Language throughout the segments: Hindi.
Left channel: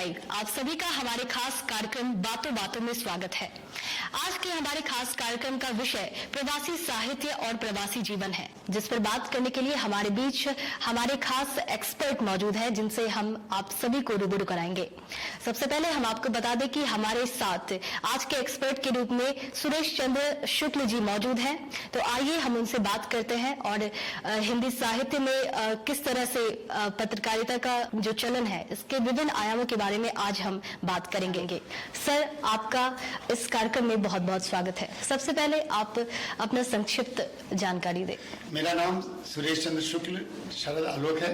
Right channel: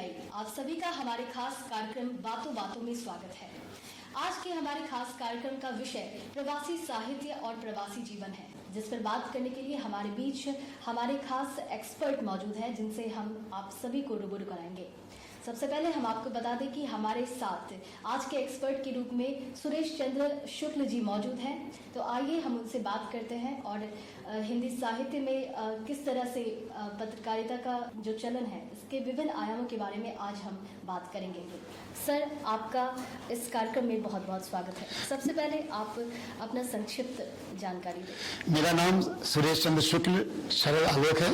लाइव आप सभी का हमारे खास कार्यक्रम बातों बातों में स्वागत है। आज के हमारे खास कार्यक्रम का विषय प्रवासी साहित्य और प्रवासी जीवन है, जिस पर बात करने के लिए हमारे बीच हमारे खास एक्सपर्ट मौजूद हैं, जिनसे हम आप सभी को रूबरू कराएंगे। सबसे पहले हम आपको बता दें कि हमारे साथ आज के एक्सपर्ट के रूप में सुरेश चंद्र शुक्ल जी मौजूद हैं। तो आइए हम उनसे बात करते हैं और हिंदी साहित्य में किस तरह से पत्रकारिता का जो चलन है इसके विभिन्न आयामों के बारे में आज हम बात करेंगे। सर, आपका इस कार्यक्रम में बहुत बहुत स्वागत है। सबसे पहले आप अपना संक्षिप्त जानकारी दें। मेरा नाम सुरेश चंद्र शुक्ल शरद आलोक है।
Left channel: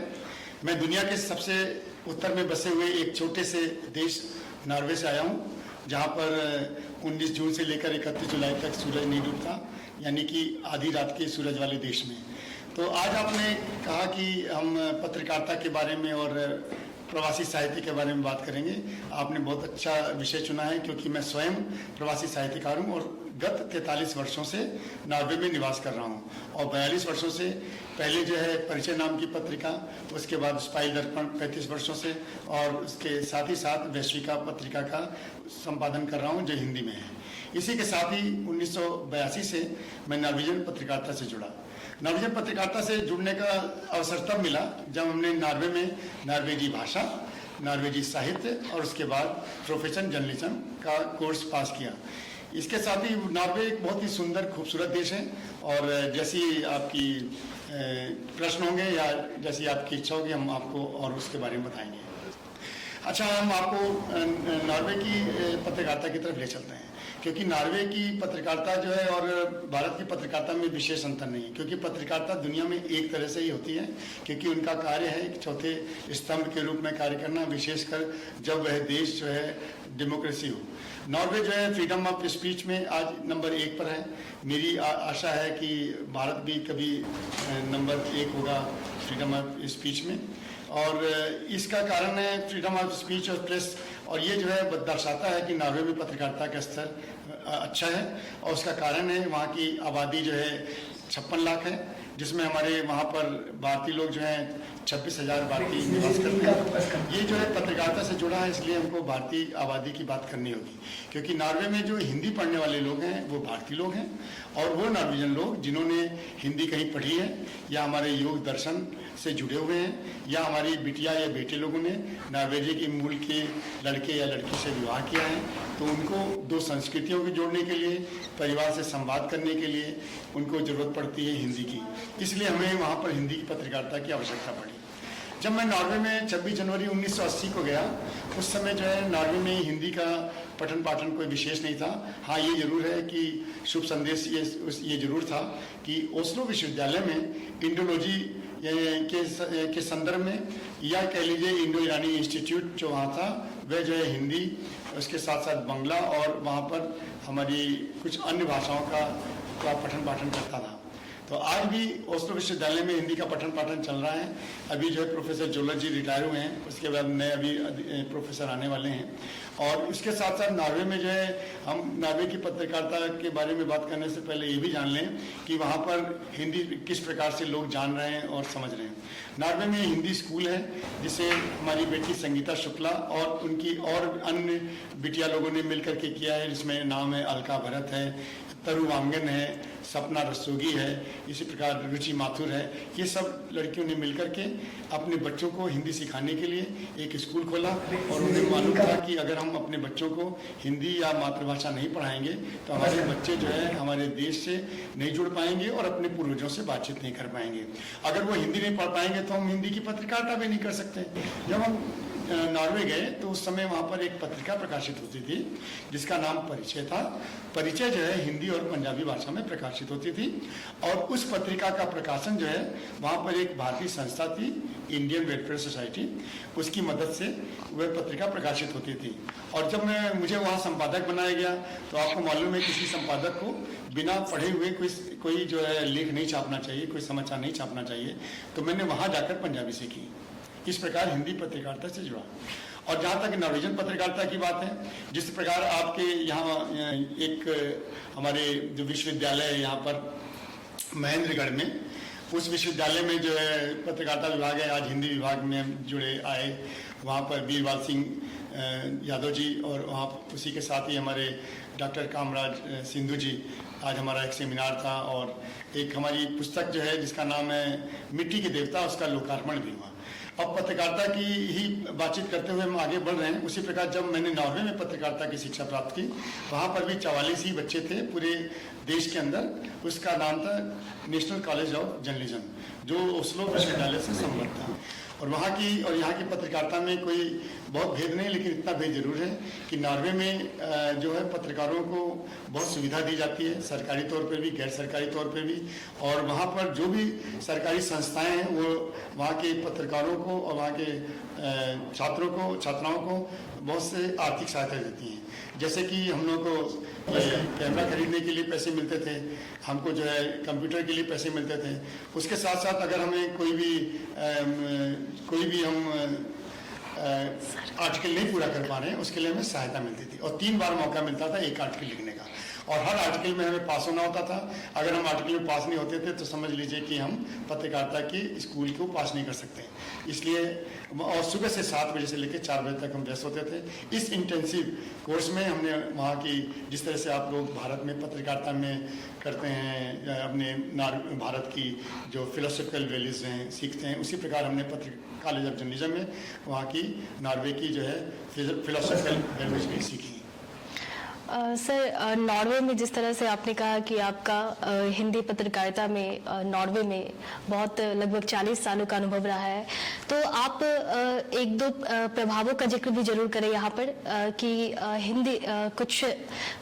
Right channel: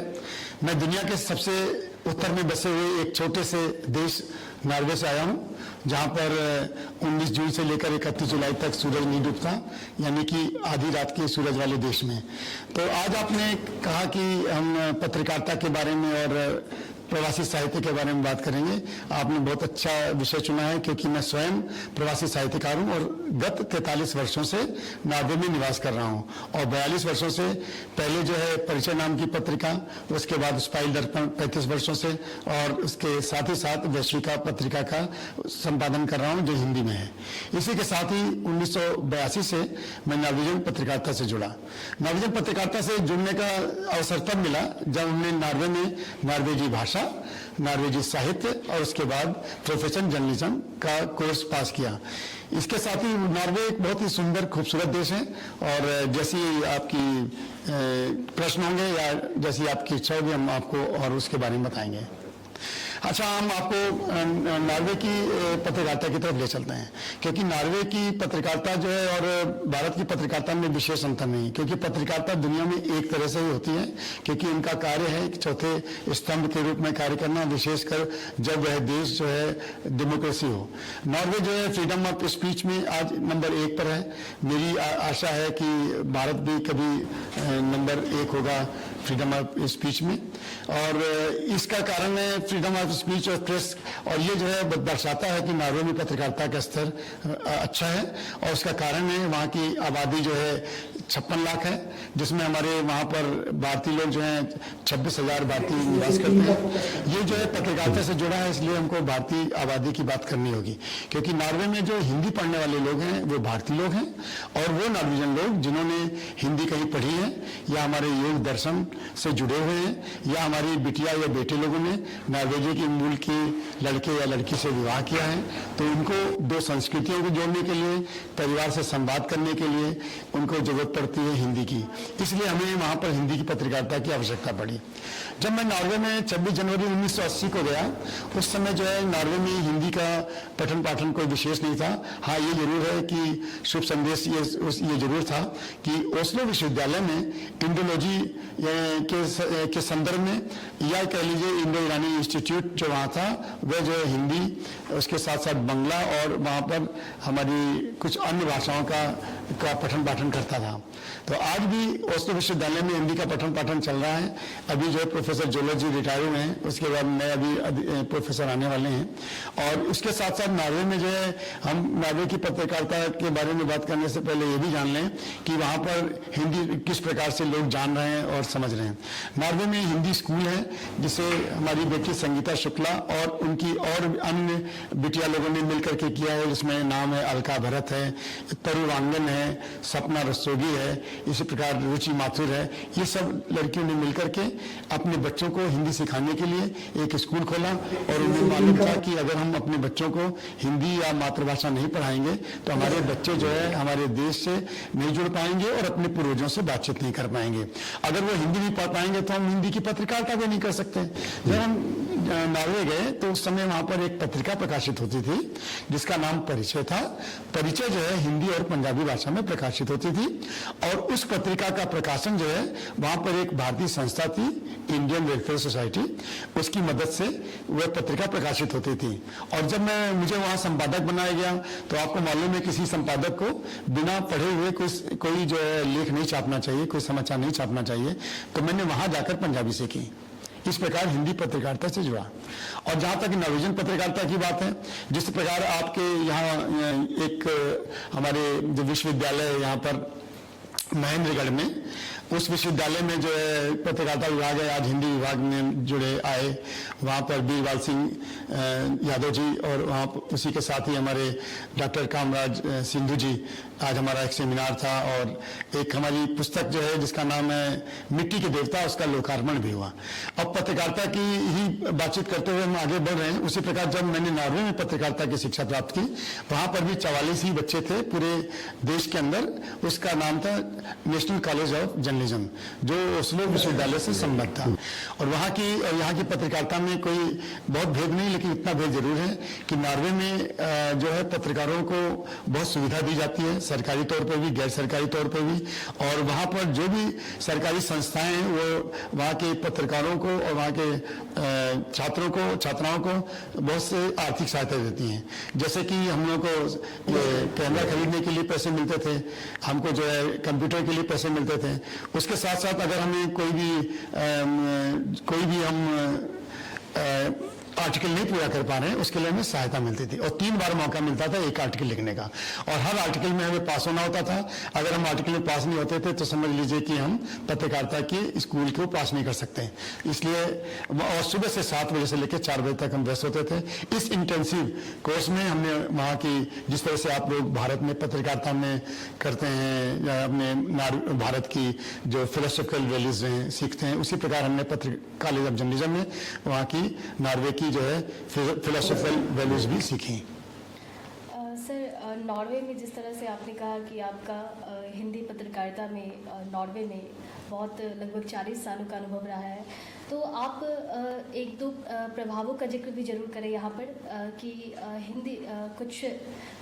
मैं दुनिया के सबसे उत्तर में बसे हुए एक छोटे से देश नॉर्वे से आया हूँ, जहाँ पर 19 जून से लेकर 31 जुलाई तक सूरज नहीं डूबता, यानी कि आधी रात के सूरज वाले देश में। तो आज आपने कहा कि हम पत्रकारिता के बारे में और प्रवासी साहित्य के बारे में बात करेंगे। आपने बहुत अच्छा विषय चुना है, क्योंकि मैं स्वयं प्रवासी साहित्यकार हूँ और गत 43 वर्षों से नॉर्वे में निवास कर रहा हूँ। और 42 वर्षों से पहले जो है परिचय नाम की पत्रिका, उसके बाद स्पाइल दर्पण 35 वर्षों से, और उसके साथ ही साथ वैश्विका पत्रिका का संपादन कर रहा हूँ, जो हिंदी में है। इसी के साथ ही 1982 से मैं नॉर्वेजियन पत्रकारिता से जुड़ा। नॉर्वेजियन पत्रकारिता से जुड़ने का अवसर तब मिला जब हमने नॉर्वे में नॉर्वेजी भाषा, नॉर्वेजी साहित्य और उसके बाद प्रोफेशन जर्नलिज्म का कोर्स पास किया। इसके साथ ही नॉर्वे एक बहुत ही सुंदर खूबसूरत देश है, और जैसी आपकी प्रश्न होंगे या जैसी आपकी इच्छा होगी हम आपको और उसके बारे में बताएंगे। अच्छा, हम आपको नॉर्वे की पत्रकारिता की तरफ ले चलते हैं, क्योंकि नॉर्वे की पत्रकारिता जो है और भारत की पत्रकारिता में विशेष अंतर नहीं, क्योंकि पत्रकारिता दुनिया में एक तरह से ही होती है, क्योंकि उनका कार्य है चौथे स्तंभ के रूप में कार्य करना, विशेषकर जब वह देश जो है डेमोक्रेसी हो। नॉर्वे जो है फ्रीडम ऑफ स्पीच में आज नंबर 1 पर है। मेरी आशा है कि भारत भी कभी नंबर 1 होगा फ्रीडम ऑफ स्पीच में, और इसका कारण है फ्रीडम ऑफ स्पीच और प्रेस, और ये जो है दर्शाता है कि नॉर्वे में पत्रकारिता का स्तर अच्छा है। और उसका कारण है वहाँ की आबादी जो है 56 लाख है, जिसमें हमारे वहाँ पर भारतीय लोग जो हैं 26,000 भारतीय निवास करते हैं। ये जो है पत्रकारिता से जुड़ा है, इसलिए हमको भारतीय आबादी की बात करनी होगी, क्योंकि नॉर्वे में जो हिंदी पढ़ने वाले लोग हैं वो भारतीय लोग हैं, और वो नॉर्वेजियन लोग जिन्होंने हिंदी कहीं पढ़ी है या हमारे योग दर्शन से जुड़े हुए हैं, या हमारी बिटिया या बेटे लोगों ने नॉर्वेजी के मूल के लड़के या लड़की से विवाह किया है, तो उनको दो संस्कृतियों को जोड़ने के लिए, परिवार से संवाद करने के लिए उनको जरूरत पड़ती है हिंदी की। इसलिए हमें वहाँ पर हिंदी की पत्रकारिता की आवश्यकता पड़ी। जब मैं नॉर्वे में 26 जनवरी 1980 को गया, उस समय जो है नॉर्वे में हिंदी का पठन पाठन कोई विशेष नहीं था। हाँ, ये जरूर है कि शुभ संदेश ये जरूर था कि ओस्लो विश्वविद्यालय में इंडोलॉजी के संदर्भ में, या कह लीजिए इंडो ईरानी इंस्टीट्यूट जो वहाँ था, वह जो है हिंदी, उसके साथ साथ बंगला और वहाँ पर हमारी कुछ अन्य भाषाओं का पठन पाठन करता था। तो आज भी ओस्लो विश्वविद्यालय में हिंदी का पठन पाठन चल रहा है। अभी जो है प्रोफेसर जोलर जी रिटायर हुए हैं, उसके बाद नए अभी प्रोफेसर आने वाले हैं। और उसके साथ साथ नॉर्वे में जो है, हम नॉर्वे की पत्रकारिता के बारे में बात करने से पहले ये भी जान लें कि वहाँ पर हिंदी किस प्रकार से लोग जान रहे हैं और समझ रहे हैं। नॉर्वे में हिंदी स्कूल है, जिसे हमारी बेटी संगीता शुक्ला और उनकी और अन्य बिटिया लोगों ने मिलकर के किया है, जिसमें नाम है अलका भरत है, तरु वांगन है, सपना रस्तोगी है, इसी प्रकार रुचि माथुर है। ये सब लड़कियों ने मिलकर के अपने बच्चों को हिंदी सिखाने के लिए एक स्कूल खोला, और उन्हें मालूम था कि अगर हम अपने बच्चों को हिंदी या मातृभाषा नहीं पढ़ाएंगे तो हमारे बच्चे जो है हमारे देश से नहीं जुड़ पाएंगे और अपने पूर्वजों से बातचीत नहीं कर पाएंगे। अगर वो हिंदी नहीं पढ़ पाएंगे तो हम हिंदी की पत्रकारिता भी नहीं कर सकते। जब हम नॉर्वे गए तो उस समय वहां पर एक पत्रिका प्रकाशित होती थी जिसका नाम परिचय था। परिचय जो है हिंदी और पंजाबी भाषा में प्रकाशित होती थी, और उस पत्रिका का प्रकाशन जो है वहां पर एक भारतीय संस्था थी, इंडियन वेलफेयर सोसाइटी, उसकी मदद से वह पत्रिका प्रकाशित होती थी। और जब मुझे वहां संपादक बनाया गया, तो आपको मालूम है किसी संपादक को बिना पढ़े हुए कोई जो है लेख नहीं छापना चाहिए, कोई समाचार नहीं छापना चाहिए। तो मैंने वहां जाकर पंजाबी सीखी। इस प्रकार हिंदी पत्रकारिता से जुड़ा। और जहाँ तक नॉर्वेजियन पत्रकारिता की बात है, जिस प्रकार आपके यहाँ एक हमारे जो विश्वविद्यालय है यहाँ पर महेंद्रगढ़ में, उस विश्वविद्यालय में जो है पत्रकारिता विभाग है, आज हिंदी विभाग में जुड़े आए, वहाँ पर बीरबल सिंह यादव जी और वहाँ उसी के साथ ही हमारे डॉक्टर कामराज सिंधु जी, आज हमारा एक सेमिनार था और एक हमारी पुस्तक जो है जिसका नाम है मिट्टी के देवता, उसका लोकार्पण भी हुआ। अब पत्रकारिता की ही बातचीत करते हुए हम आगे बढ़ रहे हैं। उसी प्रकार जब मैंने नॉर्वे में पत्रकारिता की शिक्षा प्राप्त की, वहाँ पर भी 44 ही बच्चे थे पूरे देश के अंदर। उसका नाम था नेशनल कॉलेज ऑफ जर्नलिज्म, जो ओस्लो विश्वविद्यालय से संबद्ध था। और यहाँ की पत्रकारिता में कोई बहुत भेद नहीं, लेकिन इतना भेद जरूर है कि नॉर्वे में जो है पत्रकारों को बहुत सुविधा दी जाती है, सरकारी तौर पर भी, गैर सरकारी तौर पर भी। और वहाँ पर जो भी सरकारी संस्थाएं हैं वो वहाँ के पत्रकारों को और वहाँ के छात्रों को, छात्राओं को बहुत से आर्थिक सहायता देती हैं। जैसे कि हम लोग को कैमरा खरीदने के लिए पैसे मिलते थे, हमको जो है कंप्यूटर के लिए पैसे मिलते थे। उसके साथ साथ अगर हमें कोई भी हम आर्टिकल नहीं पूरा कर पा रहे हैं, उसके लिए हमें सहायता मिलती थी। और 3 बार मौका मिलता था एक आर्टिकल लिखने का, और हर आर्टिकल में हमें पास होना होता था। अगर हम आर्टिकल में पास नहीं होते थे तो समझ लीजिए कि हम पत्रकारिता के स्कूल को पास नहीं कर सकते। इसलिए और सुबह से 7 बजे से लेकर 4 बजे तक हम व्यस्त होते थे। इस इंटेंसिव कोर्स में हमने वहाँ की, जिस तरह से आप लोग भारत में पत्रकारिता में करते हैं या अपने भारत की जो फिलोसॉफिकल वैल्यूज हैं सीखते हैं, उसी प्रकार हमने कॉलेज ऑफ जर्नलिज्म में वहाँ की नॉर्वे की जो है फिलोसॉफिकल वैल्यूज भी सीखी। सर, नॉर्वे में जिस तरह से आपने कहा कि आपका हिंदी पत्रकारिता में नॉर्वे में बहुत लगभग 40 सालों का अनुभव रहा है, तो आप एक दो प्रभावों का जिक्र भी जरूर करें यहाँ पर कि हिंदी कुछ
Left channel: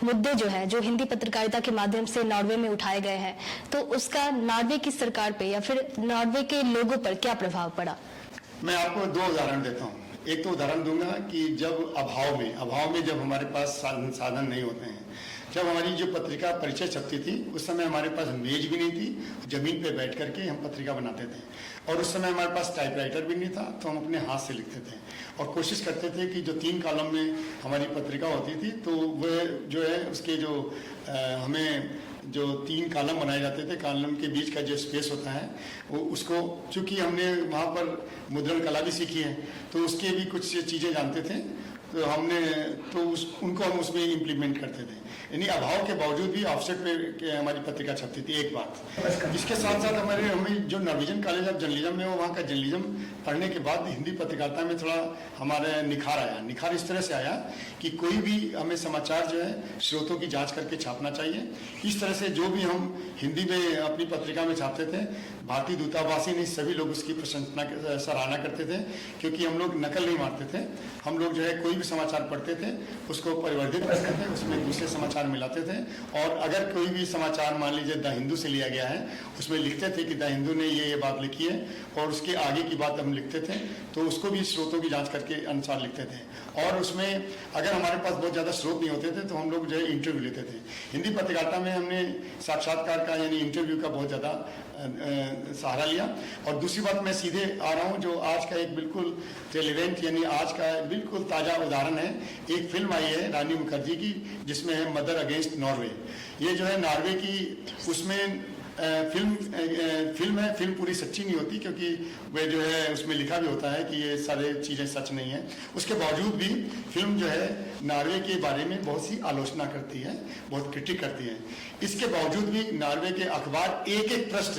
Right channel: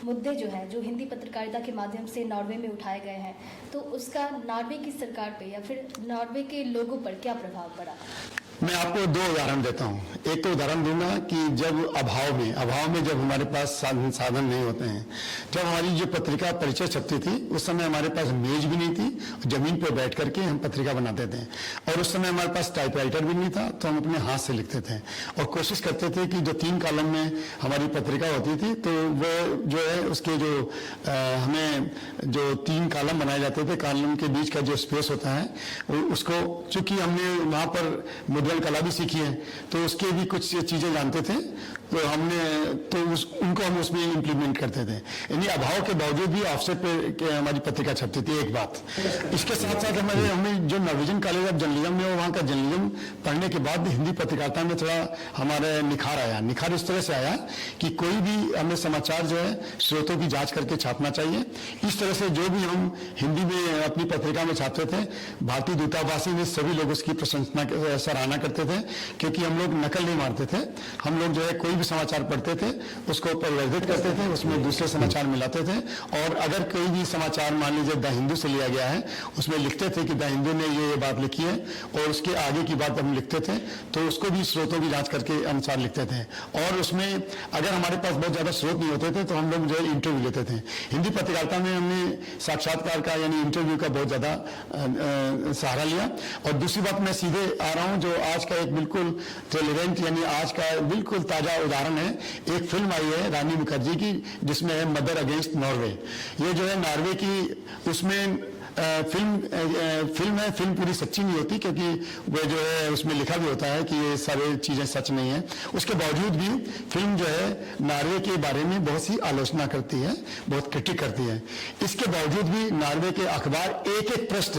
मुद्दे जो है जो हिंदी पत्रकारिता के माध्यम से नॉर्वे में उठाए गए हैं, तो उसका नॉर्वे की सरकार पे या फिर नॉर्वे के लोगों पर क्या प्रभाव पड़ा? मैं आपको 2 उदाहरण देता हूँ। एक तो उदाहरण दूंगा कि जब अभाव में जब हमारे पास साधन नहीं होते हैं, जब हमारी जो पत्रिका परिचय छपती थी, उस समय हमारे पास मेज भी नहीं थी, जमीन पर बैठ करके हम पत्रिका बनाते थे। और उस समय हमारे पास टाइपराइटर भी नहीं था, तो हम अपने हाथ से लिखते थे और कोशिश करते थे कि जो 3 कॉलम में हमारी पत्रिका होती थी, तो वो जो है उसके जो हमें जो 3 कॉलम बनाए जाते थे, कॉलम के बीच का जो स्पेस होता है उसको, चूंकि हमने वहाँ पर मुद्रण कला भी सीखी है, तो उसके भी कुछ चीजें जानते थे, तो उनको हम उसमें इम्प्लीमेंट करते थे। यानी अभाव के बावजूद भी ऑफसेट पे हमारी पत्रिका छपती थी। एक बात, इसके साथ साथ हमें जो नॉर्वेजियन कॉलेज ऑफ जर्नलिज्म में, वहाँ का जर्नलिज्म पढ़ने के बाद हिंदी पत्रकारिता में थोड़ा हमारे निखार आया। निखार इस तरह से आया कि कोई भी हमें समाचार जो है स्रोतों की जांच करके छापना चाहिए। इस तरह से जो भी हम हिंदी में अपनी पत्रिका में छापते थे, भारतीय दूतावासी में सभी लोग उसकी प्रशंसना सराहना करते थे, क्योंकि हम लोग नकल नहीं मारते थे। हम लोग जो है कोई भी समाचार पढ़ते थे, उसको परिवर्धित करते थे, उसमें दूसरे समाचार मिलाते थे। और अगर कोई भी समाचार मान लीजिए द हिंदू से लिया गया है, उसमें लिखते थे कि द हिंदू ने ये बात लिखी है और उसके आगे की बात हम लिखते थे, तो उसको भी स्रोतों की जांच करके अनुसार लिखते थे। और उसमें अगर हमारे पास बहुत ज्यादा स्रोत नहीं होते थे, तो हम लोग जो है इंटरव्यू लेते थे। हिंदी पत्रकारिता में हमने साक्षात्कार का यानी इंटरव्यू का बहुत ज्यादा सहारा लिया। और दूसरी बात, मैं सीधे आ रहा हूँ जो आज का एक बिल्कुल रेलेवेंट यानी आज का बिल्कुल ताजा उदाहरण है। एक फिल्म आई है रानी मुखर्जी की, जिसमें है मदर अगेंस्ट नॉर्वे। ये जो है नॉर्वे की, उसमें फिल्म है। फिल्म पूरी सच्ची नहीं होती, क्योंकि वो जो है उसमें लिखा भी होता है कि ये सारे चीजें सच नहीं है। उसके बावजूद भी फिल्म जो है नॉर्वे के बारे में बहुत सी आलोचना करती है, बहुत क्रिटिक करती है। इसके बावजूद भी नॉर्वे के अखबार एक एक पृष्ठ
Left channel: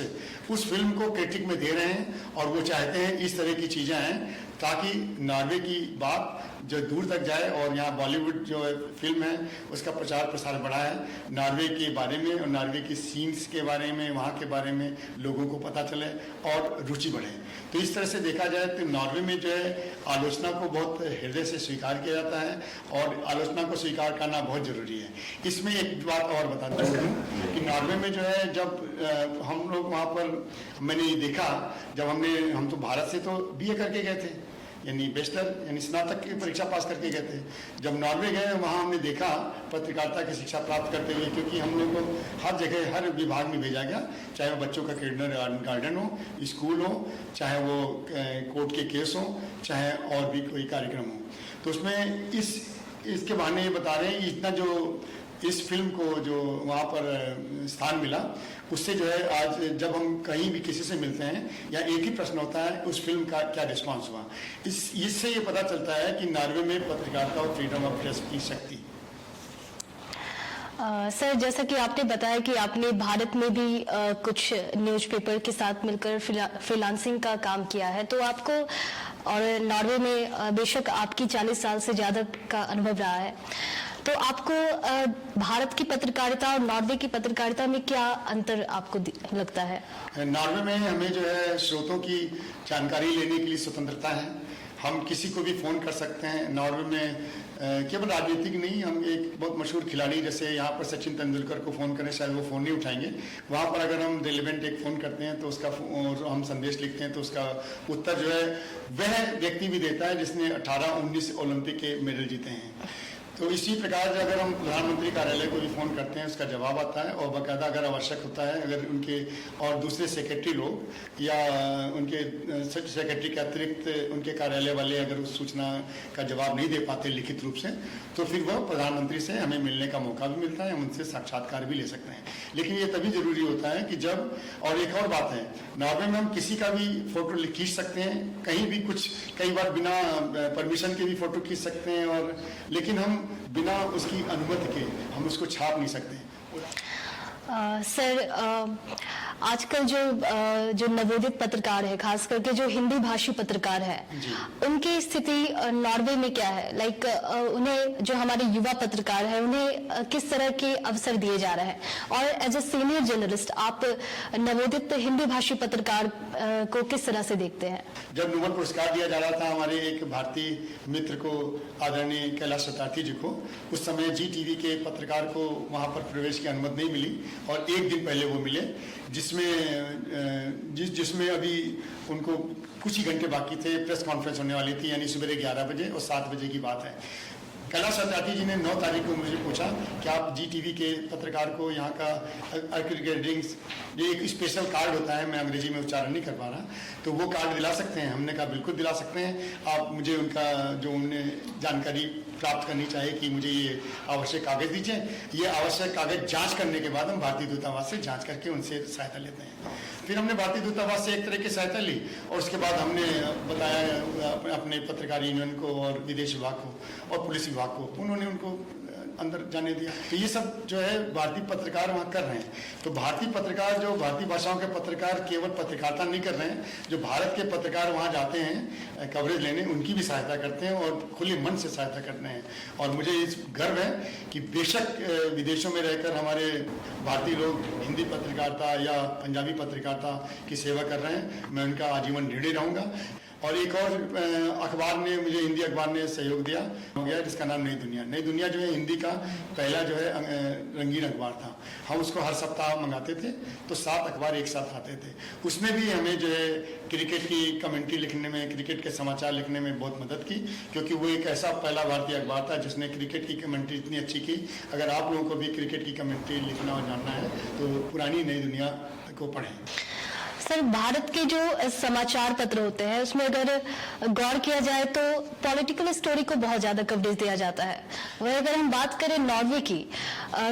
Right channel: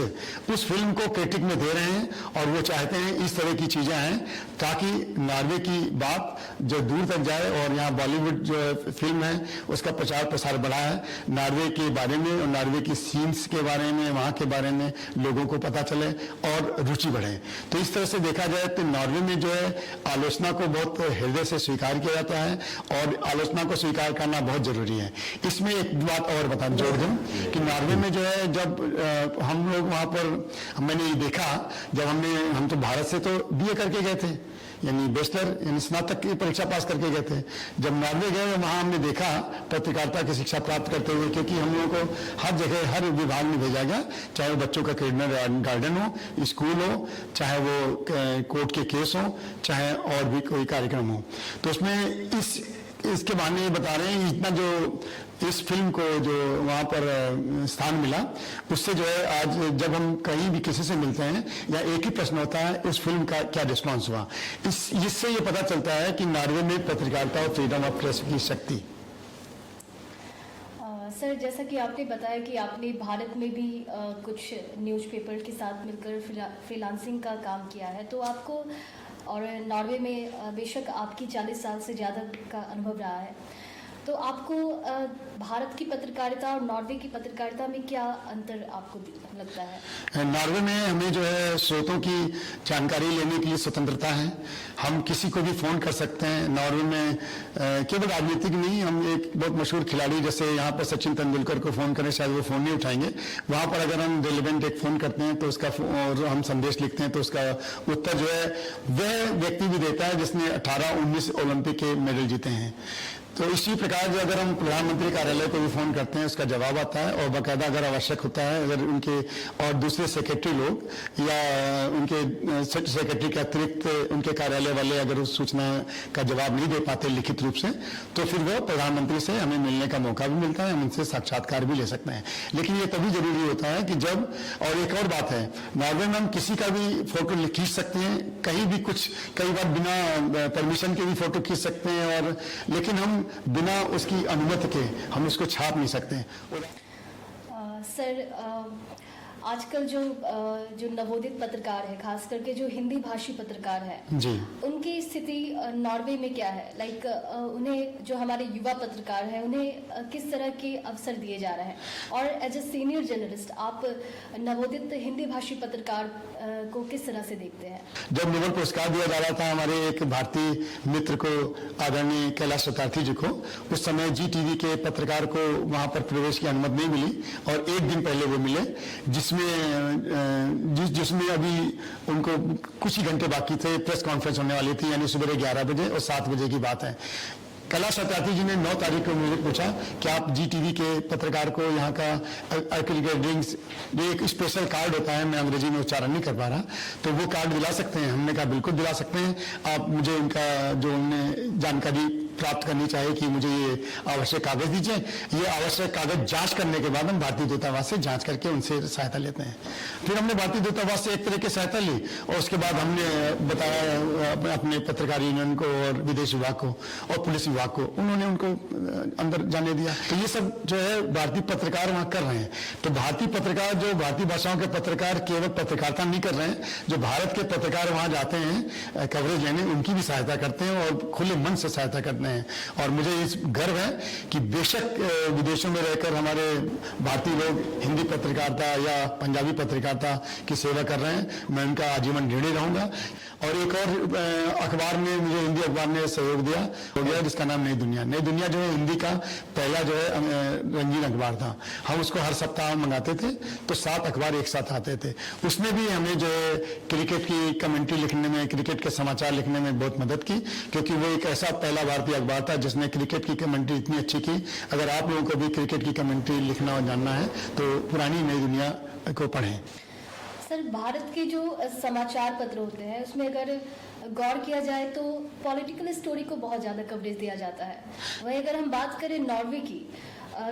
उस फिल्म को क्रिटिक में दे रहे हैं, और वो चाहते हैं इस तरह की चीजें आए ताकि नॉर्वे की बात जो दूर तक जाए। और यहाँ बॉलीवुड जो फिल्म है उसका प्रचार प्रसार बढ़ा है नॉर्वे के बारे में, और नॉर्वे की सीन्स के बारे में, वहाँ के बारे में लोगों को पता चले और रुचि बढ़े। तो इस तरह से देखा जाए तो नॉर्वे में जो है आलोचना को बहुत हृदय से स्वीकार किया जाता है, और आलोचना को स्वीकार करना बहुत जरूरी है। इसमें एक बात और बता जोड़ दूं कि नॉर्वे में जो है जब हम लोग वहाँ पर, मैंने देखा जब हम तो भारत से तो बीए करके गए थे, यानी बैचलर यानी स्नातक की परीक्षा पास करके गए थे। जब नॉर्वे गए वहाँ हमने देखा पत्रकारिता की शिक्षा प्राप्त करते हुए, क्योंकि हम लोगों को हर जगह हर विभाग में भेजा गया, चाहे वो बच्चों का किंडर गार्डन हो, स्कूल हो, चाहे वो कोर्ट के केस हो, चाहे और भी कोई कार्यक्रम हो। तो उसमें इसके बारे में बता रहे हैं, इतना जो इस फिल्म को जो वहाँ पर स्थान मिला, उससे जो है आज जब हम कहीं भी किसी से मिलते हैं या एक ही प्रश्न होता है उस फिल्म का क्या रिस्पॉन्स हुआ, इससे ये पता चलता है कि नॉर्वे में पत्रकारिता और फ्रीडम ऑफ प्रेस की शक्ति। सर, जैसा कि आपने बताया कि आपने भारत में भी कुछ न्यूज़पेपर के साथ मिलकर फ्रीलांसिंग का काम किया है, तो आपको और नॉर्वे में बेशक आपकी 40 साल से ज़्यादा का अनुभव रहा है, तो आपको भारत की पत्रकारिता और नॉर्वे की पत्रकारिता में क्या अंतर आपको लगता है? नॉर्वे में हमें जो है स्रोतों की जानकारी लेने के लिए स्वतंत्रता है। हम किसी को भी फोन कर सकते हैं। नॉर्वे में केवल राजनीतिक नहीं, हम एक बहुत मशहूर खिलाड़ी जैसे यहाँ पर सचिन तेंदुलकर को फोन करें शायद वो फोन नहीं उठाएंगे, वहां पर अगर हम रेलिवेंट एक फोन करते हैं तो उसका और हम संदेश लिखते हैं तो उसका उत्तर जो है वह व्यक्ति भी देता है जिसने 18-19 ओलंपिक के मेडल जीते हैं। तो इसी प्रकार जो अगर हम प्रधानमंत्री कार्यालय को भी फोन करते हैं उसका जवाब आता है, और बाकायदा अगर आवश्यक होता है अगर उनके और दूसरे सेक्रेटरी लोग या उनके सेक्रेटरी के अतिरिक्त उनके कार्यालय वाले अगर उस सूचना का जवाब नहीं दे पाते लिखित रूप से, तो फिर वो प्रधानमंत्री से हमें मिलने का मौका भी मिलता है, हम उनसे साक्षात्कार भी ले सकते हैं। लेकिन ये तभी जरूरी होता है कि जब, और एक और बात है, नॉर्वे में हम किसी का भी फोटो खींच सकते हैं, कहीं भी कुछ, कई बार बिना परमिशन के भी फोटो खींच सकते हैं, और लेकिन हम बिना उसकी अनुमति के हम उसको छाप नहीं सकते। सर, आजकल जो नवोदित पत्रकार है, खास करके जो हिंदी भाषी पत्रकार है, उनकी स्थिति नॉर्वे में क्या है? लाइक उन्हें, जो हमारे युवा पत्रकार है, उन्हें किस तरह के अवसर दिए जा रहे हैं? और एज ए सीनियर जर्नलिस्ट आप नवोदित हिंदी भाषी पत्रकार को किस तरह से देखते हैं? जब नोबेल पुरस्कार दिया जा रहा था हमारे एक भारतीय मित्र को, आदरणीय कैलाश सत्यार्थी जी को, उस समय जी टीवी के पत्रकार को वहां पर प्रवेश की अनुमति नहीं मिली, और एक दिन पहले वो मिले, जिसमें अभी उनको कुछ ही घंटे बाकी थे, प्रेस कॉन्फ्रेंस होने वाली थी, यानी सुबह 11 बजे और 7 बजे की बात है। कैलाश सत्यार्थी जी ने 9 तारीख को मुझे पूछा कि आप जी टीवी के पत्रकार को यहाँ का एक स्पेशल कार्ड होता है, मैं अंग्रेजी में उच्चारण नहीं कर पा रहा, तो वो कार्ड दिला सकते हैं? हमने कहा बिल्कुल दिला सकते हैं, आप मुझे उनका जो उन्हें जानकारी प्राप्त करनी चाहिए कि मुझे ये आवश्यक कागज दीजिए। ये आवश्यक कागज जांच करने के बाद हम भारतीय दूतावास से जांच करके उनसे सहायता लेते हैं। फिर हमने भारतीय दूतावास से एक तरह की सहायता ली, और उसके बाद हमने बताया अपने पत्रकार यूनियन को और विदेश विभाग को और पुलिस विभाग को, उन्होंने उनको अंदर जाने दिया। तो ये सब जो है भारतीय पत्रकार वहां कर रहे हैं। तो भारतीय पत्रकार, जो भारतीय भाषाओं के पत्रकार केवल पत्रकारिता नहीं कर रहे हैं, जो भारत के पत्रकार वहां जाते हैं कवरेज लेने, उनकी भी सहायता करते हैं और खुले मन से सहायता करते हैं। और मुझे इस गर्व है कि बेशक विदेशों में रहकर हमारे भारतीय लोग हिंदी पत्रकारिता या पंजाबी पत्रकारिता की सेवा कर रहे हैं, मैं उनका आजीवन ऋणी रहूंगा। और एक और अखबार ने मुझे, हिंदी अखबार ने सहयोग दिया हो गया, जिसका नाम नई दुनिया। नई दुनिया जो है हिंदी का पहला जो है रंगीन अखबार था। हम उसको हर सप्ताह मंगाते थे, तो 7 अखबार एक साथ आते थे। उसमें भी हमें जो है क्रिकेट की कमेंट्री लिखने में, क्रिकेट के समाचार लिखने में बहुत मदद की, क्योंकि वो एक ऐसा पहला भारतीय अखबार था जिसने क्रिकेट की कमेंट्री इतनी अच्छी की। अगर आप लोगों को भी क्रिकेट की कमेंट्री लिखना और जानना है तो पुरानी नई दुनिया को पढ़ें। सर, भारत के जो समाचार पत्र होते हैं उसमें अगर गौर किया जाए तो पॉलिटिकल स्टोरी को बहुत ज्यादा कवरेज दिया जाता है। वही अगर हम बात करें नॉर्वे की,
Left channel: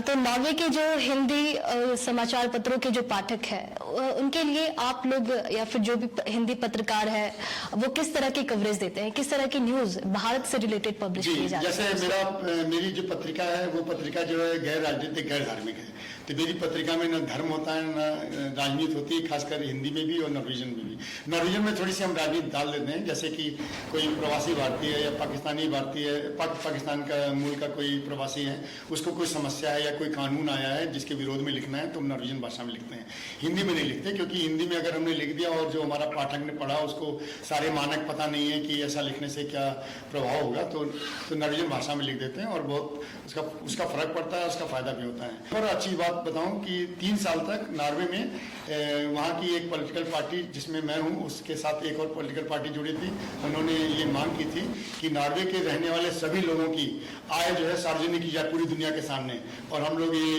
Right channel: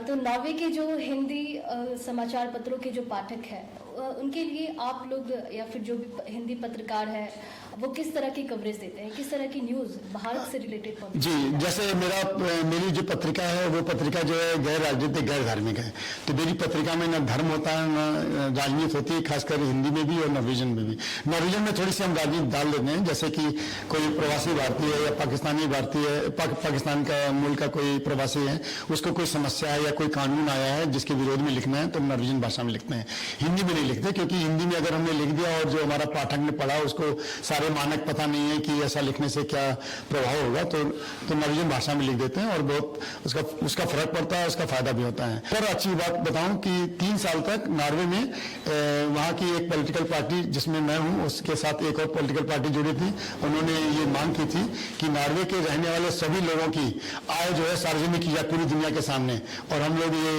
तो नॉर्वे के जो हिंदी समाचार पत्रों के जो पाठक हैं, उनके लिए आप लोग या फिर जो भी हिंदी पत्रकार है वो किस तरह की कवरेज देते हैं, किस तरह की न्यूज भारत से रिलेटेड पब्लिश की जाती है? जैसे मेरी जो पत्रिका है वो पत्रिका जो है गैर राजनीतिक, गैर धार्मिक है। तो मेरी पत्रिका में न धर्म होता है न राजनीति होती है, खासकर हिंदी में भी और नॉर्वेजियन में भी। नॉर्वेजियन में थोड़ी सी हम राजनीति डाल देते हैं, जैसे कि कोई प्रवासी भारतीय है या पाकिस्तानी भारतीय, पाकिस्तान का मूल का कोई प्रवासी है, उसको कोई समस्या है या कोई कानून आया है जिसके विरोध में लिखना है, तो नॉर्वेजियन भाषा में लिखते हैं। हिंदी में नहीं लिखते, क्योंकि हिंदी में अगर हमने लिख दिया और जो हमारा पाठक ने पढ़ा उसको सारे मानक पता नहीं है कि ऐसा लिखने से क्या प्रभाव होगा, तो नॉर्वेजियन भाषा में लिख देते हैं और बहुत उसका फर्क पड़ता है, उसका फायदा भी होता है। और अच्छी बात बताऊं कि 3 साल तक नॉर्वे में वहाँ की एक पॉलिटिकल पार्टी जिसमें मैं हूं, उसके साथ एक और पॉलिटिकल पार्टी जुड़ी थी, उन्होंने ये मांग की थी कि नॉर्वे के रहने वाले सभी लोगों की आय जो है सार्वजनिक की जाए पूरी दुनिया के सामने, और हम लोग ये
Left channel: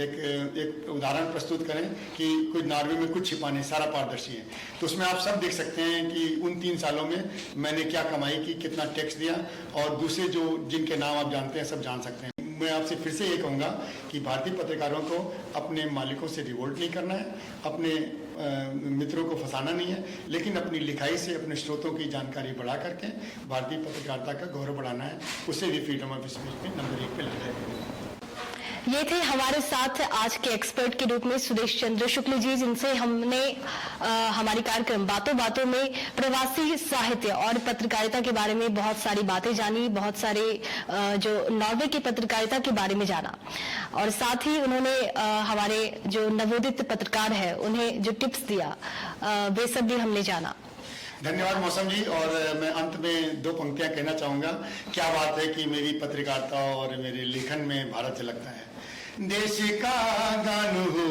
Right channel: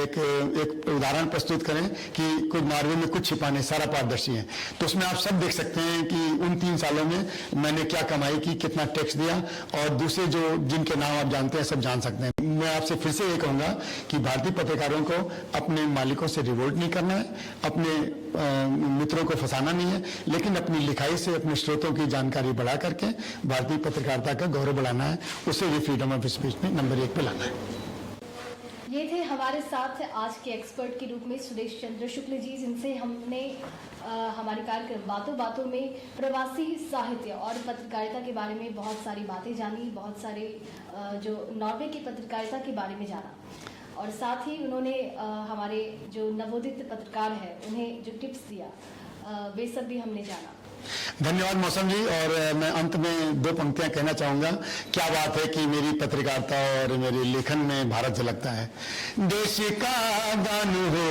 एक उदाहरण प्रस्तुत करें कि कोई नॉर्वे में कुछ छिपा नहीं, सारा पारदर्शी है। तो उसमें आप सब देख सकते हैं कि उन 3 सालों में मैंने क्या कमाई की, कितना टैक्स दिया, और दूसरे जो जिनके नाम आप जानते हैं सब जान सकते हैं। मैं आपसे फिर से ये कहूंगा कि भारतीय पत्रकारों को अपने मालिकों से रिवोल्ट नहीं करना है, अपने मित्रों को फंसाना नहीं है, लेकिन अपनी लिखाई से अपने स्रोतों की जानकारी बढ़ा करके भारतीय पत्रकारिता का गौरव बढ़ाना है, उसे भी फ्रीडम ऑफ स्पीच में नंबर 1 पे लाना है। ये थे हमारे साथ आज के एक्सपर्ट के रूप में सुरेश चंद्र शुक्ल जी, जिनसे हमने हमारे कार्यक्रम बातों बातों में प्रवासी साहित्य और पत्रकारिता के बारे में बहुत सारी बातें जानी, बहुत सारे जो नॉर्वे की पत्रकारिता के बारे में जाना, और साथ ही उन्होंने हमारे जो नवोदित पत्रकार है उन्हें जो टिप्स दिया वे सब भी हमने जाना। धन्यवाद मौसम जी। और मैं अंत में 2 पंक्तियां कहना चाहूंगा। क्या बात है कि मेरी पत्रकारिता और मेरे लेखन में भारत झलकता है। देश का गान हो,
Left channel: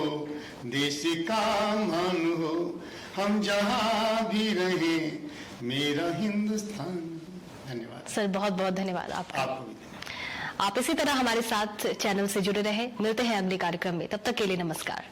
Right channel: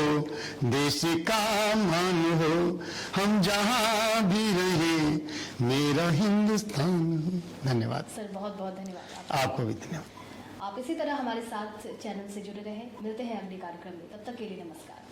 देश का मान हो, हम जहां भी रहे मेरा हिंदुस्तान। धन्यवाद सर, बहुत बहुत धन्यवाद आपको भी धन्यवाद। आप इसी तरह हमारे साथ चैनल से जुड़े रहे। मिलते हैं अगले कार्यक्रम में, तब तक के लिए नमस्कार।